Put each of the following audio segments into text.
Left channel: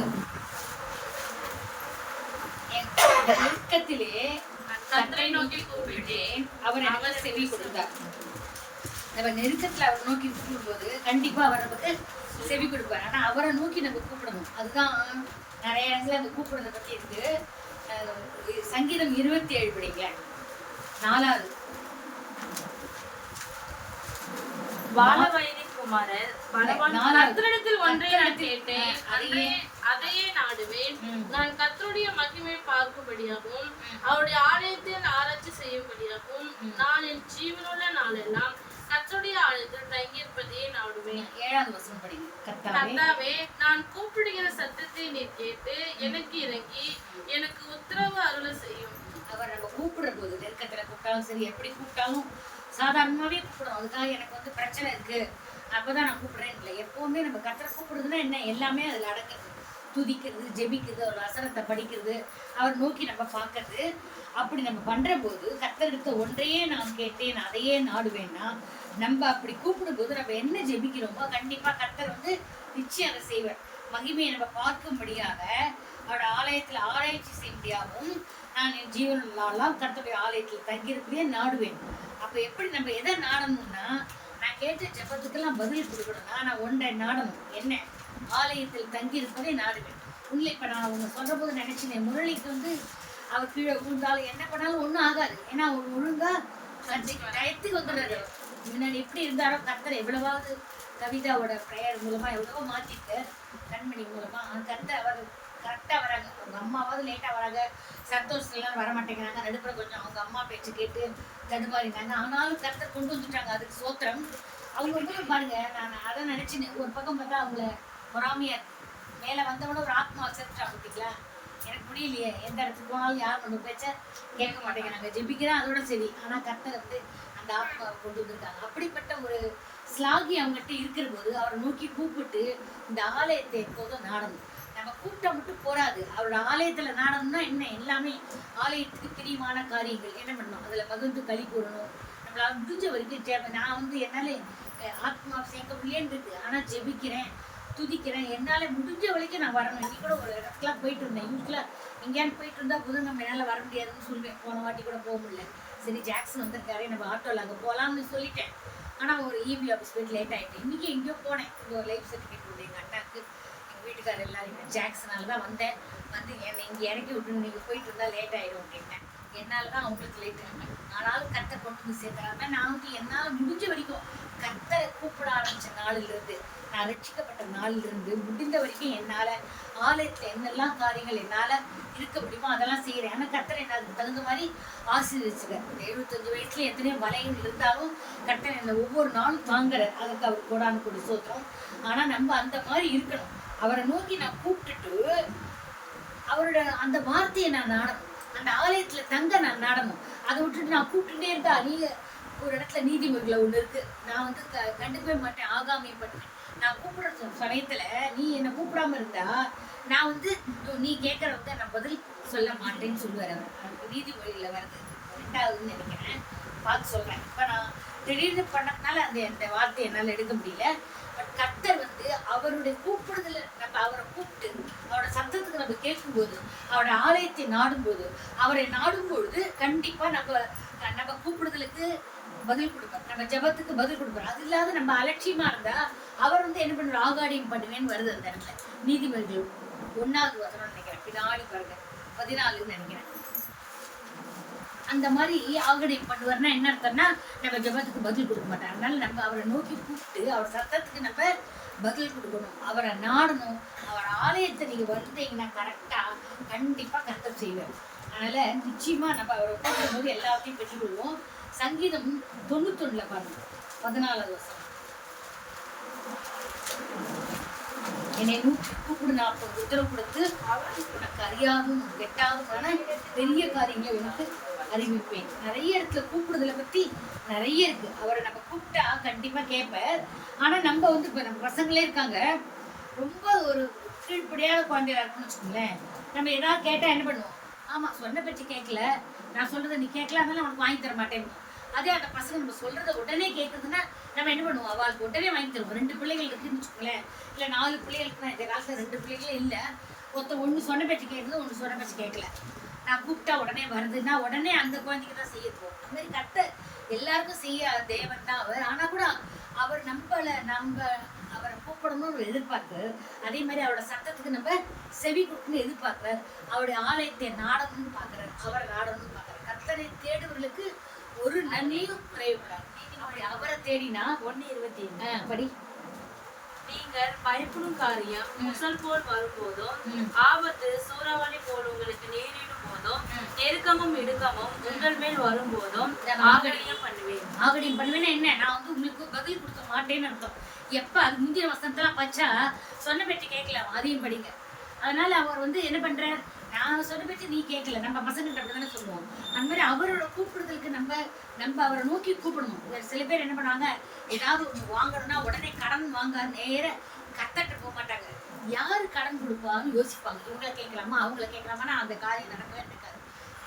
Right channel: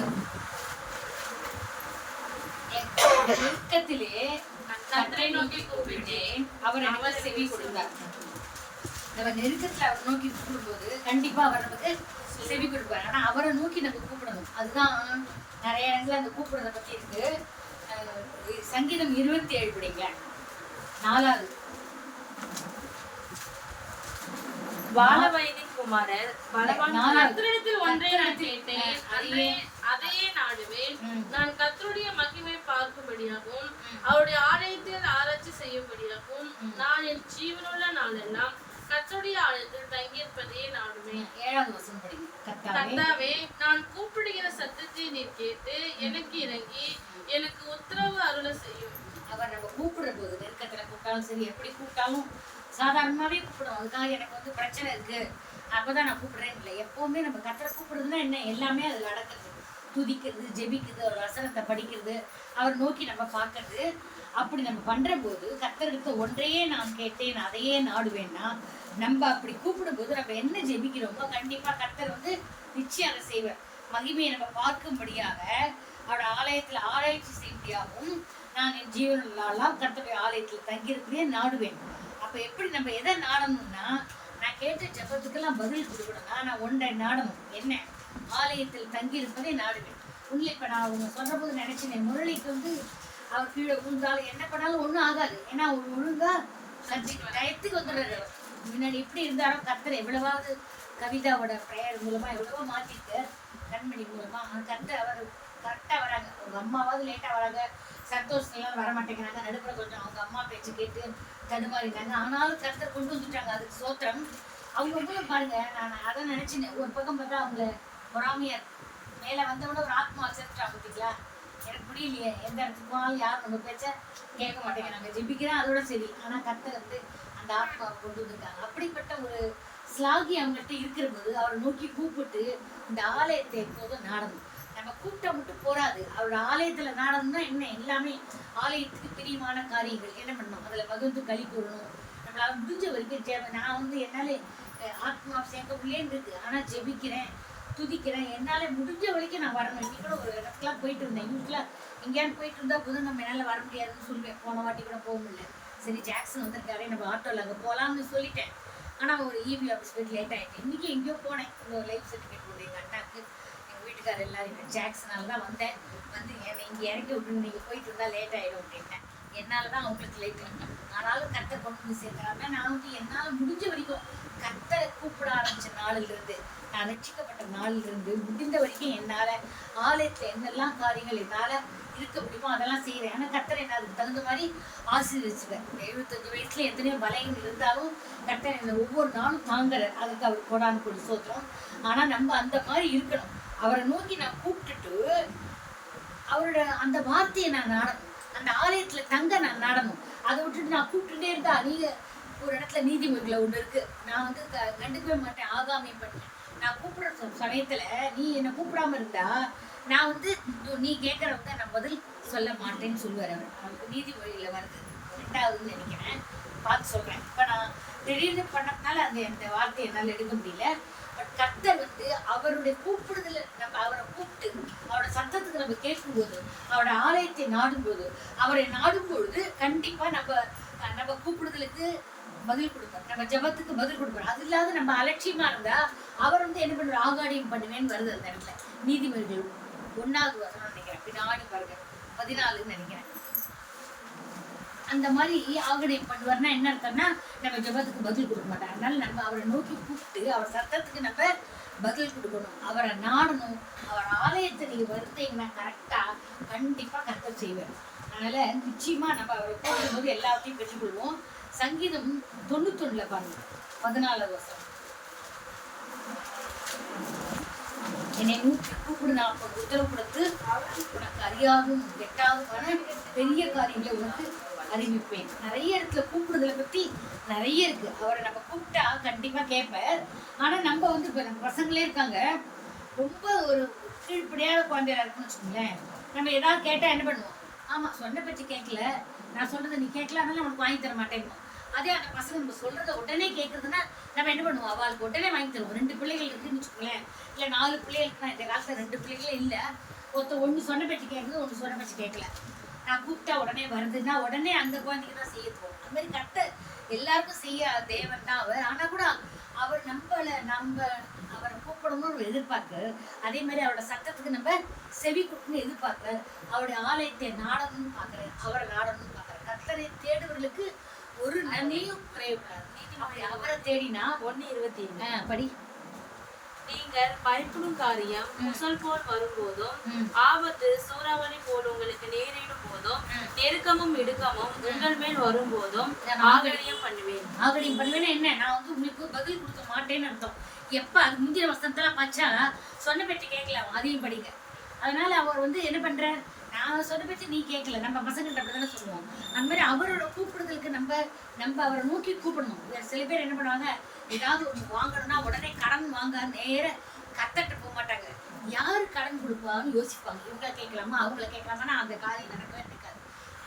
ஒண்ணு. நெருக்கத்திலே கர்த்தரை நோக்கி கூப்பிட்டேன், அவர் எனக்கு செவி கொடுத்தார். நம்ம நெருக்கத்துல அவரை நோக்கி கூப்பிடும்போது கண்டிப்பா அவர் நமக்கு செவி கொடுப்பார். ஆனா அவரை நோக்கி நம்ம கூப்பிடணும். அதுதான் நிறைய இடத்துல அந்த கூப்பிடுறத பத்தி இருக்கு. சங்கீதம் 27 படிங்களேன், 4வது. அதையே நாடுவேன். நான் கர்த்தருடைய மகிமை பார்க்கும்படியாகவும் அவருடைய ஆலயத்தில் ஆராய்ச்சி செய்யும்படியாகவும் நான் என் ஜீவனுள்ள நாளெல்லாம் கர்த்தருடைய ஆலயத்தில் தங்கியிருப்பதையே நாடுவேன். 7வது வசனம் படிங்க. கர்த்தாவே, நான் கூப்பிடுகிற சத்தத்தை நீ கேட்டு எனக்கு இறங்கி எனக்கு உத்தரவு அருள செய்யும். அவர் நம்ம கூப்பிடுற போது நெருக்கத்துல கூப்பிட்டாலும் சரி, எப்படி கூப்பிட்டாலும் சாதாரணமாவே கூப்பிடுவோம். அதுக்காக எனக்கு பிரச்சனை இருக்கு அப்பதான் நான் கூப்பிடுறேன் இல்லை. எப்பவுமே நம்ம கர்த்தரை கூப்பிடுறதுன்னா என்ன, எல்லாமே அதுல அடக்குறது. துதிக்கிறது, ஜெபிக்கிறது, ஒரு வசனத்தை படிக்கிறது, அவர் நோக்கி நம்ம பார்க்கறது. அப்படி நம்ம பண்ற போது கர்த்தருக்கு ஒன்றையே நான் கேட்டேன் அதையே நாடுவேன்னா, நம்ம அப்படி கூப்பிடும் போது நம்ம என்ன ஜெபிக்கிறோமோ கண்டிப்பா கர்த்தர் நிச்சயம் அதை செய்வார். மகிமையை நம்ம பார்க்கும்படியாக அவரோட ஆலயத்துல ஆராய்ச்சி செய்யும்படியாகவும் நான் என் ஜீவனெல்லாம் கர்த்தருடைய ஆலயத்தில் தங்கியிருக்கிறதே நாடுவேன். அப்ப எப்படி நம்ம எதை நாடணும்னா, நான் கேட்ட ஜெபத்துக்கெல்லாம் பதில் கொடுக்கணும்னா நான் ஒன்றை நாடணும். என்ன? ஆலயத்தில் தங்கி இருப்பதை நாடுவேன். உண்மை இப்ப நான் ஒண்ணு சொல்ற போது நினைச்சேன், முரளிக்கு அவர் கீழே விழுந்தாலும் என்ன பண்ணாலும் ஒண்ணும் ஆகாது. ஏன்னா ஒரு ஒழுங்கா சர்ச்சைக்கு டயத்துக்கு வந்துடுறாரு. முன்னாடி எப்படி இருந்தாரோ கர்த்தர் எவ்வளவாவது கவிதாவோட ப்ரேயர் மூலமா எவ்வளவோ மாத்திட்டு, கண்மணி மூலமா கர்த்தர் அவர் கரெக்டா வராங்க. அவங்க அம்மாவாவது லேட்டா வராங்க, சந்தோஷம் வர மாட்டேங்கிறாங்க. நடுப்புற கொஞ்சம் அவங்க அம்மா பேச்சு கேட்டு தடுமாறினாங்க. ஆனாலும் கர்த்தர் கொண்டு வந்துட்டாங்க. அதுக்கு சோத்திரம். அவங்க பாருங்க, நான் அதை நினைச்சினேன். ஒரு பக்கம் பார்த்தா அவங்கள பொறாமையா இருக்கு. மேல வந்தவொடனே ஒரு ஆத்மா சேர்த்துட்டாங்க. பார்த்தீங்களா? எனக்கு முடியலையே, எந்த இடத்துக்கு போனாலும் யாரும் நம்ம பேச்ச கேட்க மாட்டேங்கிறாங்க. ஜெபிக்கிறேன் அதோட சரி. ஆனா கர்த்தர் அந்த ஆத்மாவை கொண்டு வந்திருக்காங்க. அப்படிப்பட்ட ஒரு ஸ்லாகி அவங்கள்ட்ட இருக்கிற போது அவரை நோக்கி கூப்பிட்டு இந்த ஆலயத்தை எப்போதும் நாடணும். நம்ம கூப்பிட்டா மட்டும் போராது. அவரோட ஆலயத்துல நாடணும்னா என்ன, எல்லாமே ஆலயத்துக்கு பிரியமான காரியங்கள் என்ன பண்ணணும், அதுல பகிர்ந்து களி கூறணும். நம்மளால முடிஞ்ச வரைக்கும் நான் என்னால ஆத்மா சேர்க்க முடியேன்னு இருக்கு. ஆனா ஜெபிக்கிறேன், துதிக்கிறேன், என்னால முடிஞ்ச வரைக்கும் நான் வரணும். இன்னைக்கு கூட ஒரு இடத்துக்குலாம் போயிட்டு இருந்தேன். யூஸ்வலா எங்கேயாவது போயிட்டு இருந்தா புதன்கிழமை என்னால வர முடியாதுன்னு சொல்லுவேன். போன வாட்டி கூட போக முடியல. சரி, ஜாக்சன் வந்திருக்காரு, நம்ம ஆட்டோல அங்க போலாம்னு சொல்லிட்டேன். ஆனா ஒரு இபி ஆஃபீஸ் போயிட்டு லேட் ஆயிட்டு. இன்னைக்கு எங்கேயோ போனேன். இன்னொரு லைஃப் சர்டிஃபிகேட் போகுது எங்க அண்ணாக்கு, எங்க வீட்டுக்காரர் எல்லாரும். ஜாக்சனால தான் வந்தேன். என்னை இங்கே இறக்கி விட்டு நீங்கள் போயிட்டு இருந்தா லேட் ஆயிடும் அப்படின்ட்டேன். என்னாலதான் அவங்களுக்கு லேட்டு. ஆனாலும் கர்த்தர் கொண்டு வந்து சேர்த்தாங்க. நான் என்னால் முடிஞ்ச வரைக்கும் கர்த்தரை கூப்பிட ஆரம்பிச்ச நாளிலிருந்து, நான் ரட்சிக்கப்பட்ட நாளிலிருந்து முடிந்த வரைக்கும் என்னால ஆலயத்துல என்னெல்லாம் காரியங்கள் என்னால இருக்க முடியுமோ அதெல்லாம் செய்யறேன். ஆனா கர்த்தர் என்ன அதுக்கு தகுந்த மாதிரி ஆசீர்வதிச்சுக்கார். 75 வயசுல எத்தனையோ பலங்கள் இருந்தாலும் கர்த்தர் என்ன ஒவ்வொரு நாளும் தாங்குறார். அதுக்கு அவர் கோடானு கொடி சோத்திரம். ஆனா நம்ம அந்த மாதிரி இருக்கணும். அவரை நோக்கி நான் கூப்பிட்டுட்டு அவரோட அந்த வார்த்தையை நான் நாடணும். அந்த ஆலயத்துல தங்க நான் நாடணும். அதை விட்டுட்டு நான் கூப்பிட்டுட்டே இருந்தா, நீங்க ஒரு இடத்துல நீதிமொழிகளை ஒண்ணு இருக்கு, நான் கண்டுக்கவே மாட்டேன், ஆகாமே பண்ணுவேன். நான் கூப்பிடுற சமயத்துல நீ என்னை கூப்பிடாம இருந்தா நான் நீ கேட்கறவங்க நான் பதில் சொல்ல மாட்டேன்னு சொல்லுவார் அவர். அவருக்கு நீதிமொழியில வருது 2வதுன்னு நினைக்கிறேன், பார்த்து சொல்றேன். இப்ப நான் திடீர்னு பண்ணதுனால அந்த வார்த்தையை என்னால எடுக்க முடியல. பட் கர்த்தர் அவருடைய கூப்பிடுதல நம்ம அவரை கூப்பிட்டு அவரோட சத்தத்துக்கு நம்ம கேட்கும்போது, அவரோட ஆலயத்தை நாடும்போது, அவரை நாடும் பொழுது கண்டிப்பா நம்ம கூப்பிடுதலுக்கு பதில் கொடுப்பார், நம்ம ஜெபத்துக்கு பதில் கொடுப்பார். அது இல்லாத நம்ம அலட்சியமா இருந்தா அவர் என்ன பண்ணுவார், ஆகாடியம் பண்ணுவேன்னு வருது அந்த இடத்துல. நீதிமொழிகள் 1வது வசனம் நினைக்கிறேன், பின்னாடி பாருங்க 14ன்னு நினைக்கிறேன். அந்த மாதிரி ஆகடியம் பண்ணுவார்னா என்ன அர்த்தம்னா, நம்ம ஜெபத்துக்கு பதில் கொடுக்க மாட்டார். அதனால நம்ம அவரை நோக்கி கூப்பிட்டு அவர் சத்தத்துக்கு நம்ம பதில் கொடுக்கணும், அவரை நாடணும். அவர் ஆலயத்தை நீங்க வந்தீங்கன்னா கரெக்டா கண்டிப்பா கர்த்தர் செய்வார். அதனால நிச்சயமா நம்ம அவரை கூப்பிடும் போது எல்லாத்தையும் பெற்றுக்கொள்வோம். சங்கீதம் 91 பாருங்க, 14வது வசனம். என்னை நோக்கி கூப்பிடு, நான் உத்தரவு கொடுத்து உனக்கு அறியாதும் கெட்டாதுமான பெரிய காரியங்களை உனக்கு அறிவிப்பேன். நிறைய இடத்துல கூப்பிடுதலை பத்தி நிறைய இருக்கு. அவரை நம்ம கூப்பிட்டா கண்டிப்பா கேட்பார். ஆனா நம்ம இப்ப நம்ம பசங்களே இருக்காங்க, ரொம்ப ஒரு கீழ்ப்படியான குழந்தையா இருக்குன்னு வச்சுக்கோங்களேன். நம்ம ஏதாவது கேட்டா என்ன பண்ணுவோம், ஆமா சொன்ன பற்றி கேட்கல, நான் சொல்றதை நீ கேட்கல, அதனால உனக்கு வாங்கி தர மாட்டேன். அதே அந்த பசங்க நம்ம சொல்றத உடனே கேட்கறதுன்னா நம்ம என்ன பண்ணுவோம், அவளுக்கு உடனே வாங்கி தருவோம். 2 பிள்ளைகள் இருக்குன்னு வச்சுக்கோங்களேன், இல்லை 4 பிள்ளைகளுக்கு. நான் இந்த காலத்துல 2 பிள்ளைகளே இல்லை. ஒன்று சொன்ன பேச்சு கேட்குது, ஒன்று சொன்ன பேச்சு கேட்கல. நான் கூப்பிட்டா உடனே வருதுன்னா உடனே அந்த குழந்தைக்கு தான் செய்ய போகும். அது மாதிரி எல்லாருக்கும் செய்ய தேவன் தான் அவர். ஆனா கூட அவர் நம்ம அவரை கூப்பிடணும்னு எதிர்பார்க்கு. அதே மாதிரி அவரோட சத்தத்துக்கு நம்ம செவி கொடுக்கணும்னு எதிர்பார்க்கிறார். அவருடைய ஆலயத்தை நாடணும்னு பார்க்கிறார், அவரை நாடணும்னு பார்க்கிறார். கர்த்தரை தேடுவர்களுக்கு ஒரு நன்மையும் குறைவுபடாது. அப்படி அவரை தேடினா 1:25 படி. நீங்கள் பயப்படும் காரியம் முசல் போல் வரும்போதும், ஆபத்து சூறாவளி போல் உங்களுக்கு நேரிடும் போதும், நெருக்கமும் இடுக்கமும் உங்கள் மேல் வரும்போதும் ஆகடியம் பண்ணுவேன். என்ன, நான் வந்து உங்களுக்கு பதில் கொடுக்க மாட்டேன்னு அர்த்தம். எப்ப அது முந்தின வசனத்தெல்லாம் பச்சா சொன்ன பேச்சு கேட்கலாம், அதையும் படிங்க. அதனால அவர் வந்து என்ன பண்றார், நான் சொன்ன பேச்சு நீ கேட்கல. நம்ம பசங்கள்ட்ட அப்படிதானே சொல்லுவோம். அந்த மாதிரி அவரோட கூப்பிடுதலுக்கு நம்ம அவரை நோக்கி கூப்பிடணும். சில பேர் என்ன பண்ணுவாங்க, ஏதாவது ஒன்று வாங்கணும்னா உடனே கடன் வாங்க நேர கத்தட்டு போக மாட்டாங்க. யாரு கடன் கொடுப்பான்னு யோசிப்பாங்க. இவங்களை கேட்கலாமா அவங்கள கேட்கலாமா, அந்த காரியம் நடக்கவே நடக்காது.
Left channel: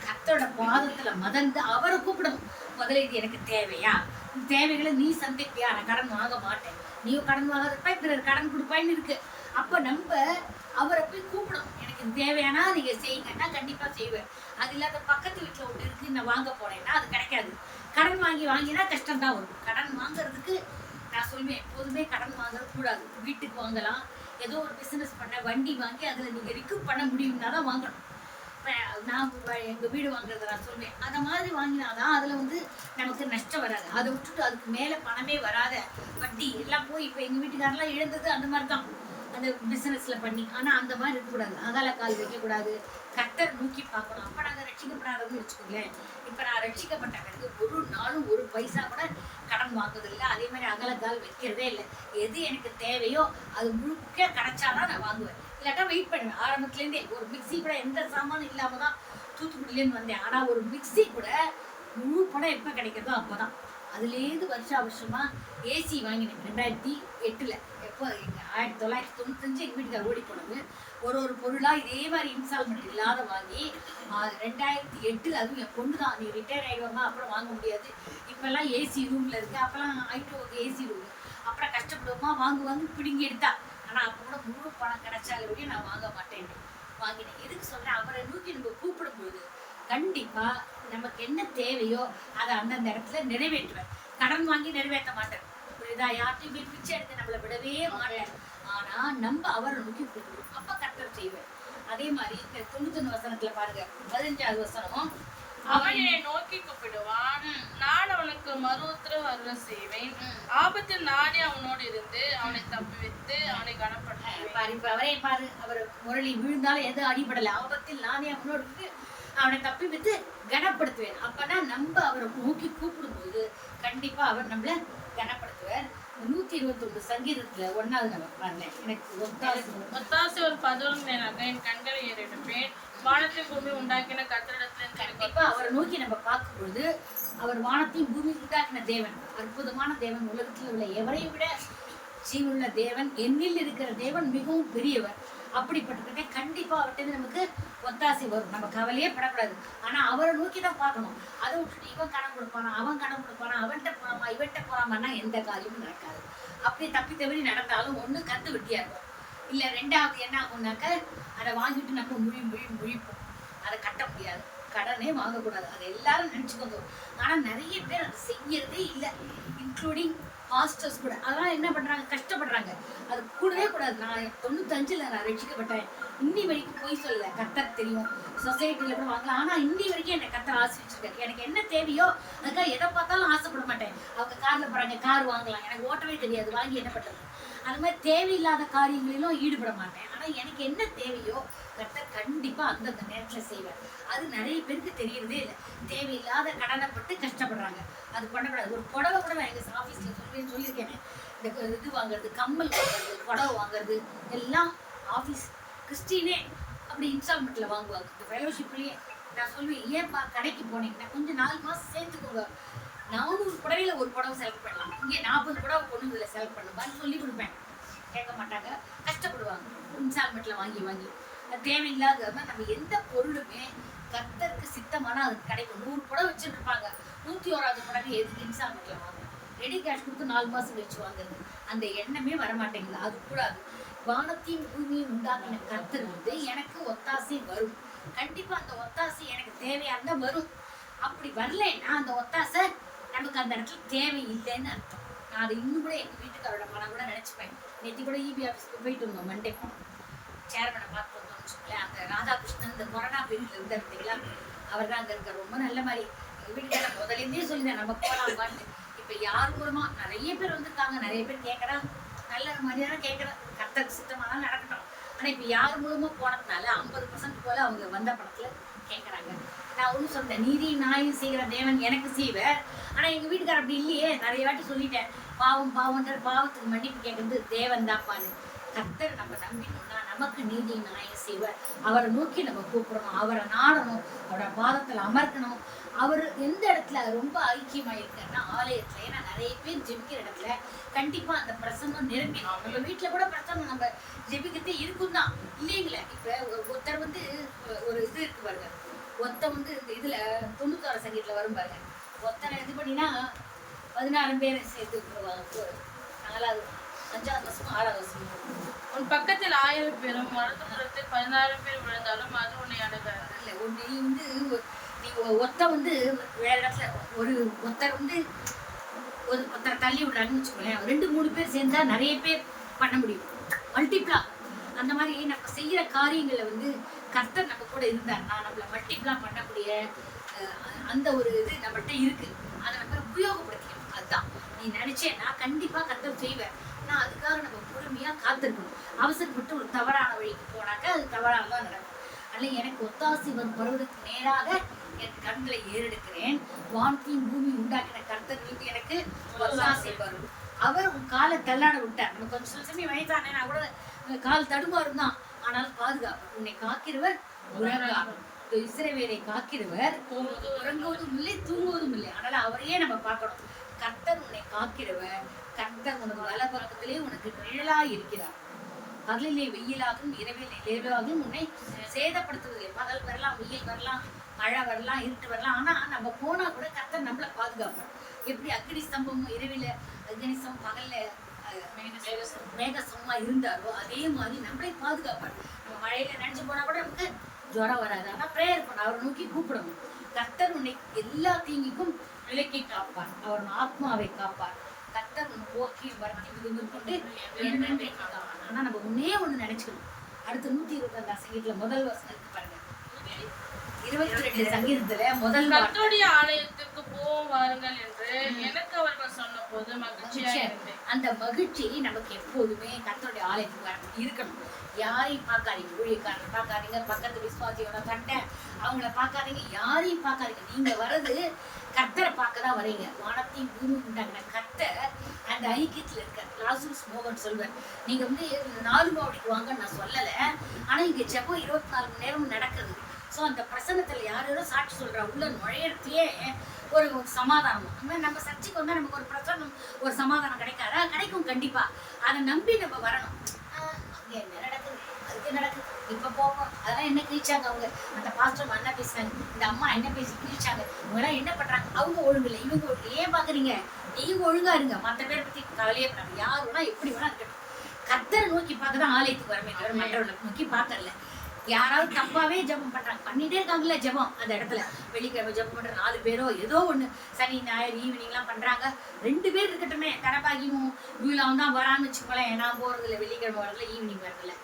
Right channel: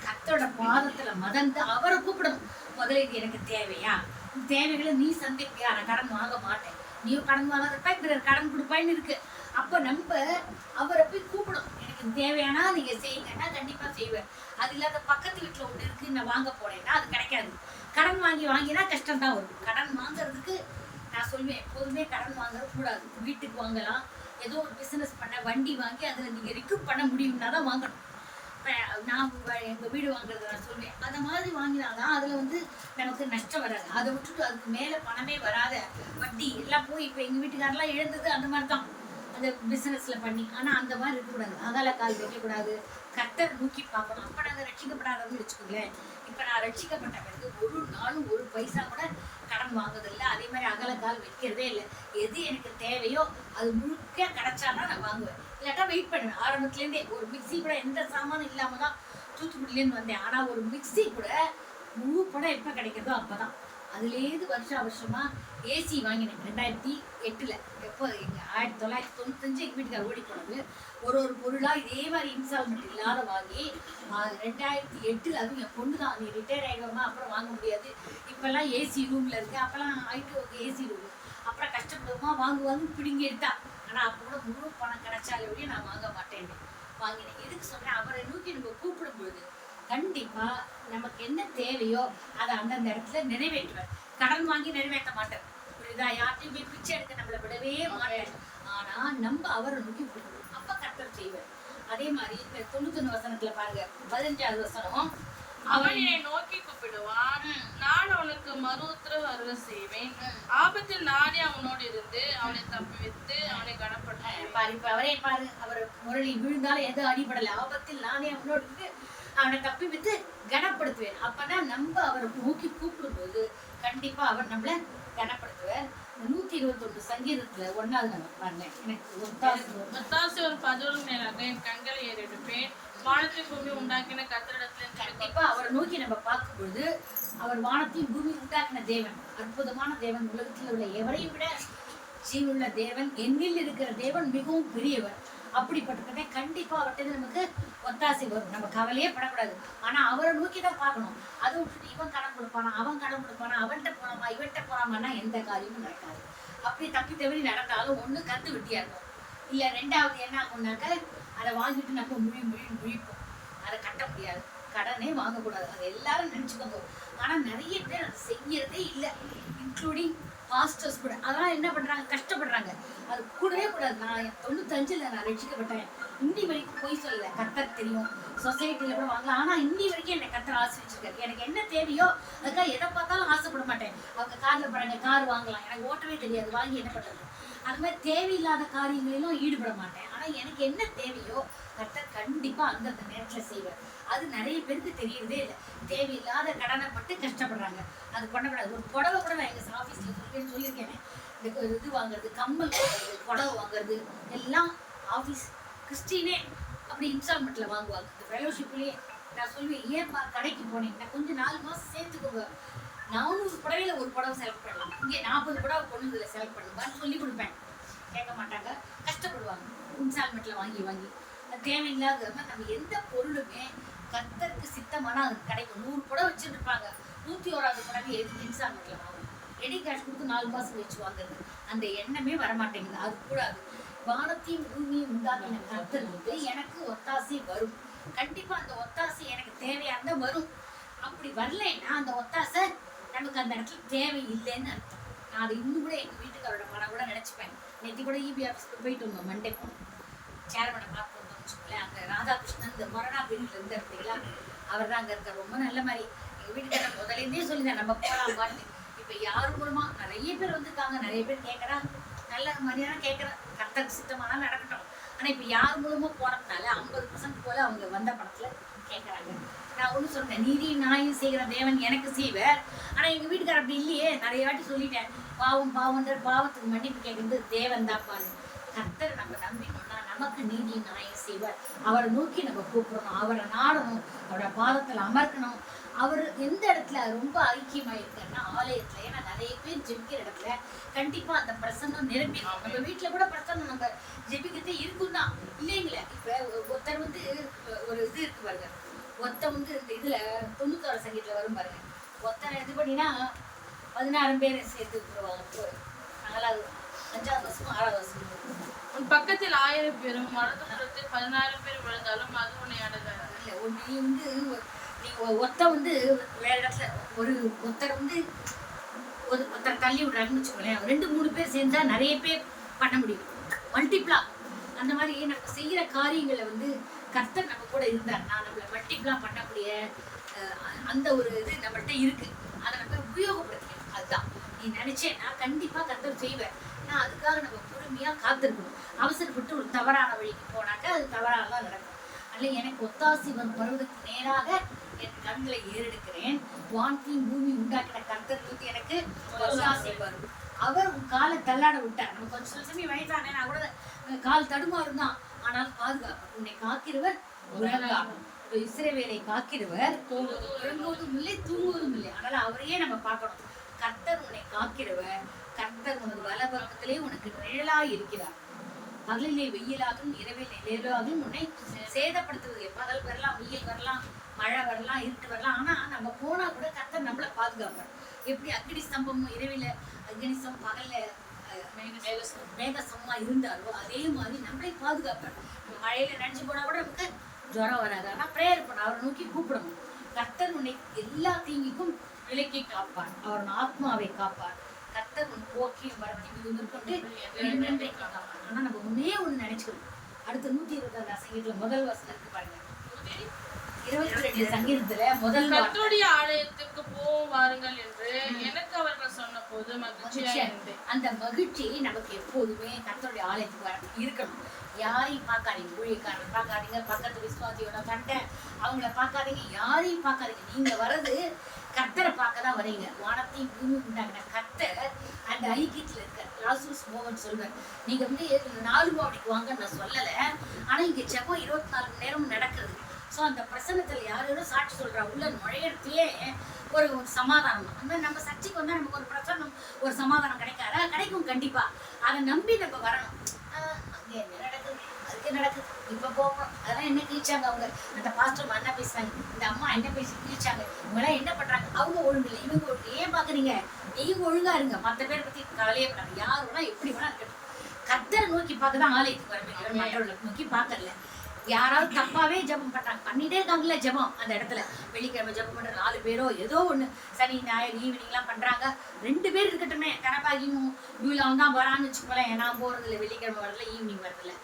கத்தோட பாதத்துல மதந்து அவரை கூப்பிடணும். முதல்ல இது எனக்கு தேவையா, தேவைகளை நீ சந்திப்பியா, நான் கடன் வாங்க மாட்டேன், நீயும் கடன் வாங்கிறப்ப பிறர் கடன் கொடுப்பான்னு இருக்கு. அப்ப நம்ம அவரை போய் கூப்பிடணும். எனக்கு தேவையானா நீங்க செய்யுங்கன்னா கண்டிப்பா செய்வேன். அது இல்லாத பக்கத்து வீட்டுல ஒன்று இருக்கு, நான் வாங்க போனேன்னா அது கிடைக்காது. கடன் வாங்கினா கஷ்டம் தான் வரும். கடன் வாங்குறதுக்கு நான் சொல்லுவேன், எப்போதுமே கடன் வாங்குறது கூடாது. வீட்டுக்கு வாங்கலாம், ஏதோ ஒரு பிசினஸ் பண்ண வண்டி வாங்கி அதுல நீங்க ரிக்கப் பண்ண முடியும்னா தான் வாங்கணும். நான் எங்க வீடு வாங்குறத நான் சொல்லுவேன், அந்த மாதிரி வாங்கினாதான் அதுல வந்து நமக்கு நஷ்டம் வராது. அதை விட்டுட்டு அதுக்கு மேல பணமே வராத வட்டி எல்லாம் போய் இப்ப எங்க வீட்டுக்காரெல்லாம் இழந்தது அந்த மாதிரி தான், அந்த பிசினஸ்ல பண்ணி. ஆனா அந்த மாதிரி இருக்கக்கூடாது, அகால கால் வைக்கக்கூடாது, கர்த்தர் நோக்கி பார்க்கணும். அப்ப நாங்க ரட்சிக்கப்படாதவங்க வச்சுக்கோங்களேன். இப்ப நான் ரட்சிக்கப்பட்ட பிறகு ஒரு நாளும் ஒரு பைசா கூட கடன் வாங்குறது இல்லை. அதே மாதிரி அகல கால் வைக்கிறதே இல்லை. எது எனக்கு தேவையோ அது முழுக்க கிடைச்சாதான் நான் வாங்குவேன், இல்லாட்டா வெயிட் பண்ணுவேன். ஆரம்பத்துலேருந்தே ஒரு மிக்சி கூட எந்த சாமானும் இல்லாம தான் தூத்துக்குடியிலேருந்து வந்தேன். ஆனா ஒரு மிக்சி கூட முழு படம் எப்போ கிடைக்கிறதோ அப்போதான். அதுலேருந்து வருஷமா ஏசி வாங்கினேன் 2008. எப்போ எங்கள் 1995 எங்கள் வீட்டுக்கார ஓடி போனது. ஒரு பொருளாக இதே மாதிரி இன்ஸ்டால்மெண்ட் இல்லாத வாங்கி 2008, அதுவும் என் பொண்ணு தான், நீ ரிட்டையர் ஆகிடுவாமா அப்புறம் வாங்க முடியாது, இப்போல்லாம் ஏசி ரூமில் இருக்கு, அப்போல்லாம் ஐட்டோக்கு ஏசி ரூம், அப்புறம் கஷ்டப்படுவோமா வாங்குவாங்க பிடிங்கி எடுத்தா. ஆனால் அப்போ கூட முழு பணம் கிடைச்சாலே வழியும் நான் வாங்க மாட்டேன்னு வாங்கினேன். எதுக்கு சொல்கிறேன், அவரை நோக்கி நம்ம கூப்பிடும்பொழுது கண்டிப்பா நமக்கு என்ன தேவையோ அதை அந்தந்த இடத்துல நிறைவேற்றுவார். கடன் வாங்கி நிறைவேற்ற மாட்டார், புரியுதா? யார்ட்டையும் போய் பிச்சை எடுக்க நம்மளை விடவே மாட்டார். ஆனா நம்ம அவரை நோக்கி கூப்பிடுவோம், அப்ப கர்த்தர் செய்வார். அதே மாதிரி 91 வசனத்துல பாருங்க, 15வது வசனம், அவன் என்னை நோக்கி கூப்பிடுவான், நான் அவனுக்கு மறு உத்தரவு அருள செய்வேன், ஆபத்தில் நானே அவனோடு இருந்து அவனை தப்புவித்து அவனை கனப்படுத்துவேன். பாரு, இப்ப அவரே பாரு, அவர் முரளி விழுந்தாலும் எதுவும் அடிபடல, ஆபத்தில் நானே அவனோடு இருந்து அவனை தப்புவித்து கனப்படுத்துவேன். அப்பனா நம்ம அவரை நோக்கி கூப்பிடும் போது கண்டிப்பா அவர் நம்மள கனப்படுத்துவார். 121 சங்கீதத்துல 1வது நம்ம பாருங்க, எனக்கு ஒத்தாசை ஒரு 11 மேலாக என் கண்களை ஏறெடுப்பேன், வானத்தை பூமி உண்டாக்கின கர்த்தரிடத்துல. கண்டிப்பா அவரை நோக்கி நம்ம பார்க்கும் பொழுது அவர் வானத்தையும் பூமி உண்டாக்கின தேவன், அற்புதமான தேவன், உலகத்தில் உள்ள எவரையும் விட ஜீவனுள்ள தேவன், என்னில் இருக்கிற தேவன் மிகவும் பெரியவர். அப்படிப்பட்டதை கண்டிப்பா அவர்கிட்ட நமக்கு ஒத்தாசை வரும். நம்ம கவலையே படக்கூடாது. ஆனா அவரை நோக்கி தான் பார்க்கணும். அதை விட்டுட்டு இவன் கடன் கொடுப்பானா, அவன் கடன் கொடுப்பானா, அவன்கிட்ட போறாமா இவன்கிட்ட போறாமான்னா எந்த காரியமும் நடக்காது. அப்படி தப்பி தவறி நடந்தாலும் ஒண்ணு கந்து வெட்டியா இருக்கும், இல்ல 2வது என்ன ஆகும்னாக்க அதை வாங்கிட்டு நம்ம முழிப்போம். அதை கட்ட முடியாது, கடனே வாங்கக்கூடாது. அதை எல்லாரும் நினைச்சுக்கோங்க. ஆனா நிறைய பேர் அதை செய்யறதே இல்லை, இன்க்ளூடிங் பாஸ்டர்ஸ் கூட. அதெல்லாம் என்ன பண்றாங்க, கஷ்டப்படுறாங்க. அது கூடவே கூடாது. நான் 95ல் நான் ரட்சிக்கப்பட்டேன், இன்னி வரைக்கும் போய் சொல்லல, கர்த்தர் தெரியும். சொசைட்டில கூட வாங்கலாம், ஆனா இன்னி வரைக்கும் என்னை கர்த்தர் ஆசீர்வதிச்சிருக்காரு. எனக்கு என்ன தேவையோ அதுக்காக எதை பார்த்தாலும் ஆசைப்பட மாட்டேன். அவங்க கார்ல போறாங்க, கார் வாங்கலாம், எனக்கு ஓட்டவே தெரியாது, வாங்கி என்ன பண்றது? அது மாதிரி தேவையில்லாத காரியங்களிலும் ஈடுபட மாட்டேன். ஆனா எனக்கு என்ன தேவையோ கர்த்தர் கண்டிப்பா அந்தந்த நேரத்துல செய்வார். அது நிறைய பேருக்கு தெரியறதே இல்லை. தேவையில்லாத கடனைப்பட்டு கஷ்டப்படுறாங்க, அது பண்ணக்கூடாது. ஒரு புடவை கூட நான் எங்க ஆஃபீஸ்ல சொல்லியிருக்கேன், இந்த இது வாங்குறது, கம்மல் வாங்குறது, புடவை வாங்குறது எல்லாம் ஆஃபீஸ் கிறிஸ்டினே அப்படி இன்ஸ்டால்மெண்ட்ல வாங்குவாங்க. இந்த ஃபெலோஷிப்லயே நான் சொல்லுவேன், ஏன்பா கடைக்கு போனீங்கன்னா கொஞ்சம் 4 மாசம் சேர்த்துக்கோங்க, 400 புடவையில ஒரு புடவை செலக்ட் பண்ணலாம், இங்கே 40 புடவை கொண்டு இதில் செலக்ட் பண்ணுவான்னு சொல்லி கொடுப்பேன். கேட்க மாட்டாங்க, கஷ்டப்படுவாங்க இன்ஸ்டால்மெண்ட்ல வாங்கி. தேவையில்லாத நம்ம எந்த பொருளுமே கர்த்தருக்கு சித்தமானா அது கிடைக்கும். 100 புடவை வச்சுட்டு இருப்பாங்க, 101வது புடவை எதுக்கு இன்ஸ்டால்மெண்ட்ல வாங்கணும், ரெடி கேஷ் கொடுத்து 4 மாசம் கழிச்சு வாங்குறது, அந்த எண்ணமே வரமாட்டேங்குது. அது கூடாது. வானத்தையும் பூமியும் உண்டாக்கின கர்த்தர் வந்து எனக்கு ஒத்தாசை வரும். கண்டிப்பா அந்த ஒத்தாசை எனக்கு தேவையா இருந்தா வரும். அப்படி வரலைன்னா அந்த ஒத்தாசை நமக்கு அந்த இடத்துல தேவை இல்லைன்னு அர்த்தம். நான் அது இன்னும் கூட எங்க வீட்டுக்காரோட மனம் கூட நினைச்சுப்பேன். நேற்று கூட இபி ஆஃபீஸ்க்கு போயிட்டு வந்தோம், மண்டே போனோம், சேர்மனை பார்த்து வந்தோம்னு வச்சுக்கோங்களேன். அந்த ராதாகிருஷ்ணன் இந்த கொரோனா பீரியட்ல இருந்து இருந்தீங்களா, அவர் தான் அங்க இருக்கார். ரொம்ப நல்ல மாதிரி எங்க வீட்டுக்கார முதலேருந்தே சொல்லியிருந்தேன் நம்ம போகலாமான்னு. இப்ப யாரு மூலமா நிறைய பேர் வந்திருக்காங்க, நிறைய பேர் கேட்கறா, நல்ல மாதிரியான கேட்கறா, கர்த்தருக்கு சித்தமானா நடக்கட்டும். ஆனா இப்ப யார் மூலமா போனதுனால 50% போல அவங்க வந்த படத்துல கேட்கறாங்க. நான் ஒண்ணு சொன்னேன், நீதி நியாயம் செய்கிற தேவன் எனக்கு செய்வார். ஆனா எங்க வீட்டுக்காரர் அப்படி இல்லையே. நிறைய வாட்டி சொல்லிட்டேன், பாவம் பாவம்ன்ற பாவத்துக்கு மன்னிப்பு கேட்கறது தேவன் தான்ப்பான்னு. கர்த்தர் நம்ம நம்பினோம்னா நமக்கு நீதி நியாயம் செய்வார். அவரை நோக்கி நம்ம கூப்பிடணும், அவரை நாடணும், அவரோட பாதத்துல அமர்க்கணும். அவர் எந்த இடத்துல ரொம்ப ஐக்கியமா இருக்காருன்னா ஆலயத்துல. ஏன்னா நிறைய பேர் ஜெபிக்கிற இடத்துல கண்டிப்பா அந்த பிரசன்னம் நிரம்பிடும். நம்ம வீட்டுல கூட பிரசன்னம் நம்ம ஜெபிக்கிறதே இருக்கும் தான் இல்லைங்களே. இப்ப ஒருத்தர் வந்து ஒரு இது இருக்கு பாருங்க, ஒத்த வந்து இந்த இதுல 96 சங்கீதத்துல வரும் பாருங்க, ஒத்தனை இது பண்ணினா 16 பேரை சேர்த்து விட்டுருவாங்க. நாங்களாம் 5வது வருஷமும் 6வது வருஷமும் உன் பக்கத்தில் 1000 பேரும் வலதுபுறத்தில் 16 பேர் விழுந்தாலும் அது உன்னை அடையாது. இல்லை நீ வந்து நீ ஒத்த வந்து வேற இடத்துல ஒரு ஒருத்தர் வந்து ஒருத்தரை தள்ளி விடுறாங்கன்னு வச்சுக்கோங்களேன், 2-3 பேர் சேர்ந்தா நிறைய பேர் பண்ண முடியும், மல்டிப்ளா. அந்த மாதிரி நம்ம செய்யற காரியங்களை வந்து கர்த்தர் நம்ம கூட இருந்தாருன்னா நம்மளை மல்டிப்ளா பண்ணக்கூடிய அந்த ஒரு இது நம்மள்கிட்ட இருக்கு. அதை நம்ம உபயோகப்படுத்திக்கணும். அதுதான் நீ நினைச்சேன்னா கண்டிப்பா கர்த்தர் செய்வேன். நான் அதுக்காக நம்ம பொறுமையா காத்திருக்கணும். அவசரப்பட்டு ஒரு தவறான வழிக்கு போனாக்க அது தவறானதான் நடக்கும். அல்ல எனக்கு ஒத்தாசி வரும் பருவதற்கு நேராக என் கண்களை ஏறெடுக்கிறேன். வானத்தையும் பூமி உண்டாக்கின கர்த்தர் வந்து எனக்கு ஒத்தாசை வரும். அவர் உன் காலை தள்ளாட விட்டார். நம்ம கொஞ்சம் சில சமயம் வயதானே நான் கூட கால் தடுமாறும் தான், ஆனால் பாதுகாப்பு. உன்னை காக்கிறவர் உறங்கார். இஸ்ரவேலை காக்கிறவர் உறங்குவதும் இல்லை தூங்குவதும் இல்லை. அதனால அவரையே நம்ம பார்க்கணும். கர்த்தர் உன்னை காக்கிறவர், கர்த்தர் உனது வல பக்கத்திலே உனக்கு நிழலாய் இருக்கிறார். பகலிலே வெயிலாகும் இரவிலே நிழலாகும் உன்னை சேதப்படுத்துவதில்லை. பகல் வரலாம், வெயில் வரலாம், மழை வரலாம், இருட்டு வரலாம், ஆனா நம்ம போனா கூட கர்த்தர் நம்மளை பாதுகாப்பார். எப்படி அக்னி ஸ்தம்பமும் இரவில அக்னி ஸ்தம்பம் பகல்ல மேகசமா இருந்தாரோ அதே மாதிரி நம்மளை பாதுகாப்பார். நம்ம மழையில நினைச்சு போனா கூட நமக்கு ஜுரம் வராது. ஆனா பிரேயர் பண்ண, அவரை நோக்கி கூப்பிடணும். கர்த்தர் உன்னை எல்லா தீங்கிக்கும் விலக்கி காப்பார், அவர் ஆத்மாவை காப்பார். கர்த்தர் உன் போக்கியும் வரத்தையும் முதற்கொண்டு என்னென்றைக்கு காப்பார். ஆனா நம்ம முன்னே ஒண்ணு நினைச்சுக்கணும். அடுத்த 122 சங்கீதத்துல முதல் வசனம் இருக்கு பாருங்க, 22 சங்கீதத்துல முதல் கர்த்தருடைய ஆலயத்துக்கு போவோம் வாருங்கள் என்று எனக்கு அவர்கள் சொன்ன போது மகிழ்ச்சியா இருந்தேன். அந்த மகிழ்ச்சி நமக்கு எப்போதுமே கர்த்தருடைய ஆலயத்துக்கு வர இருக்கணும். யாரையும் பார்க்காதீங்க, ஊழியக்காரரை பார்க்காதீங்க, பக்கத்து விசுவாசியோட கட்டை அவங்கள பார்க்காதீங்க, யாரையும் பார்க்காதீங்க. நீங்க வர்றது கர்த்தரை பார்க்க தான் வரீங்க. வானத்தையும் பூமி உண்டாங்கின கர்த்தர் அந்த ஐக்கியத்துல இருக்க. லாசருஸ் மோகன் சொல்வேன், நீங்க வந்து 4 மாவடிக்கு வாங்கன்னு நான் சொல்லல, ஆனா இங்க ஜெபம் 24 மணி நேரமும் நடக்குது. ஸோ அந்த பிரசன்னத்துல யாரோ சாட்சி சொல்றா, உள்ள நுழையிறதுலயே ஒரு சமாதானம். அந்த மாதிரி நம்ம சர்ச்சைக்கு வந்தா நமக்கு ஒரு பிரசன்னம், ஒரு சமாதானம் கிடைக்காதா? கிடைக்கும் கண்டிப்பா. அதை நம்பி நம்ம வரணும். அங்க என்ன நடக்குது, அதுக்கு நடக்குது, இப்ப போறோம், அதெல்லாம் என்ன கிழிச்சாங்க அவங்க, அந்த பாஸ்டர் என்ன பேசுறாங்க, இந்த அம்மா என்ன பேசி கிழிச்சாங்க, இவங்கெல்லாம் என்ன பண்றாங்க, அவங்க ஒழுங்கு இல்லை, இவங்க ஒழுங்கு. ஏன் பாக்குறீங்க? நீங்க ஒழுங்கா இருங்க, மற்ற பேரை பத்தி கவலையே பண்றாங்க. யார் வேணா எப்படி வேணா இருக்கட்டும், கர்த்தரை நோக்கி பார்க்கதான் ஆலயத்துக்கு வரமே தவிர மற்றவர்களை நோக்கி பார்க்கல. யாராவது தப்பாவே ஜபம் பண்றாங்க, பண்ணிட்டே இருக்காங்கல்ல ஜபம். அந்த இடத்துல வெள்ளிக்கிழமை ஜபம் பண்ற 4 பேரோ ஏதோ ஒண்ணு, சனி ஞாயிறு ஈவினிங் எல்லாம் பண்றாங்க, 2 பேர் இருக்கட்டுமே. கனபாகியும் இவ்வளவு தான் வரான்னு வச்சுக்கோங்களேன். நான் போறது இல்லை, வெள்ளிக்கிழமை வரதில்ல, ஈவினிங் வரதில்ல.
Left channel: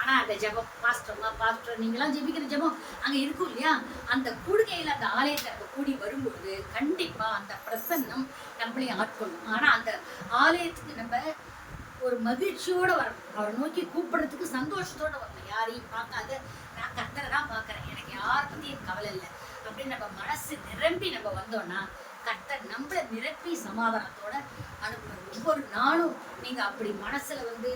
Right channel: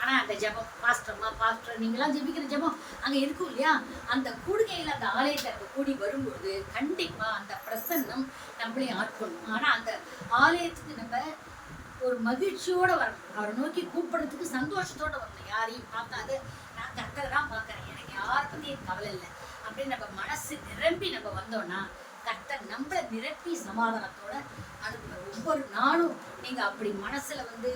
ஆனா அந்த ஜபம் பாஸ்டர் நீங்களாம் ஜெபிக்கிற ஜபம் அங்க இருக்கும் இல்லையா? அந்த கூடுகையில அந்த ஆலயத்தை நம்ம கூடி வரும்பொழுது கண்டிப்பா அந்த பிரசன்னம் நம்மளையும் ஆட்கொள்ளும். ஆனா அந்த ஆலயத்துக்கு நம்ம ஒரு மகிழ்ச்சியோட வரணும், அவரை நோக்கி கூப்பிடுறதுக்கு சந்தோஷத்தோட வரணும். யாரையும் பார்க்காது, நான் கர்த்தரை தான் பார்க்கறேன், எனக்கு யாரை பத்தியும் கவலை இல்லை அப்படின்னு நம்ம மனசு நிரம்பி நம்ம வந்தோம்னா கர்த்தர் நம்மளை நிரப்பி சமாதானத்தோட அனுப்புற. ஒவ்வொரு நாளும் நீங்க அப்படி மனசுல வந்து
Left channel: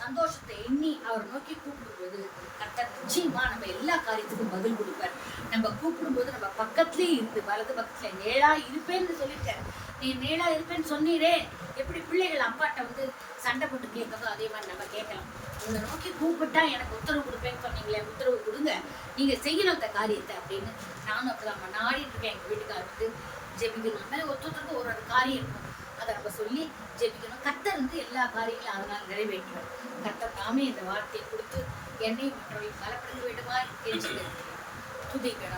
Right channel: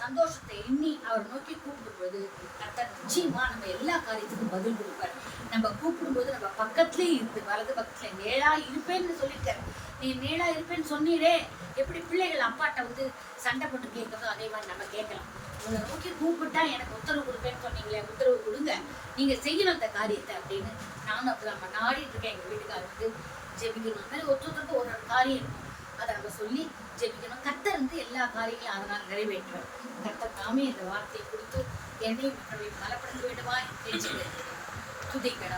சந்தோஷத்தை எண்ணி அவர் நோக்கி கூப்பிடுவது கர்த்தர் நிச்சயமா நம்ம எல்லா காரியத்துக்கும் பதில் கொடுப்பார். நம்ம கூப்பிடும்போது நம்ம பக்கத்துலயே இருந்து, வலது பக்கத்துல நேரா இருப்பேன்னு சொல்லியிருக்காரு. நீ நேரா இருப்பேன்னு சொன்னீரே, எப்படி பிள்ளைகள் அப்பாட்ட வந்து சண்டை போட்டு கேட்கறதோ அதே மாதிரி நம்ம கேட்கலாம். உங்களை நோக்கி கூப்பிட்டா எனக்கு உத்தரவு கொடுப்பேன்னு சொன்னீங்களே, உத்தரவு கொடுங்க. நீங்க செய்யணும் அந்த காரியத்தை அப்படின்னு நானும் அப்படிதான் நாடிட்டு இருக்கேன். எங்க வீட்டுக்காரர் வந்து ஜெபிக்கணும். அந்த மாதிரி ஒருத்தருக்கு ஒரு காரியம் இருக்கும், அதை நம்ம சொல்லி ஜெபிக்கணும். கர்த்தர் வந்து எல்லா காரியங்களையும் அதனால் நிறைவேற்றுவார். கர்த்தர் நாமே இந்த வார்த்தையை கொடுத்து என்னையும் மற்றவர்களையும் பலப்படுத்த வேண்டுமா என்று துதிக்கணும்.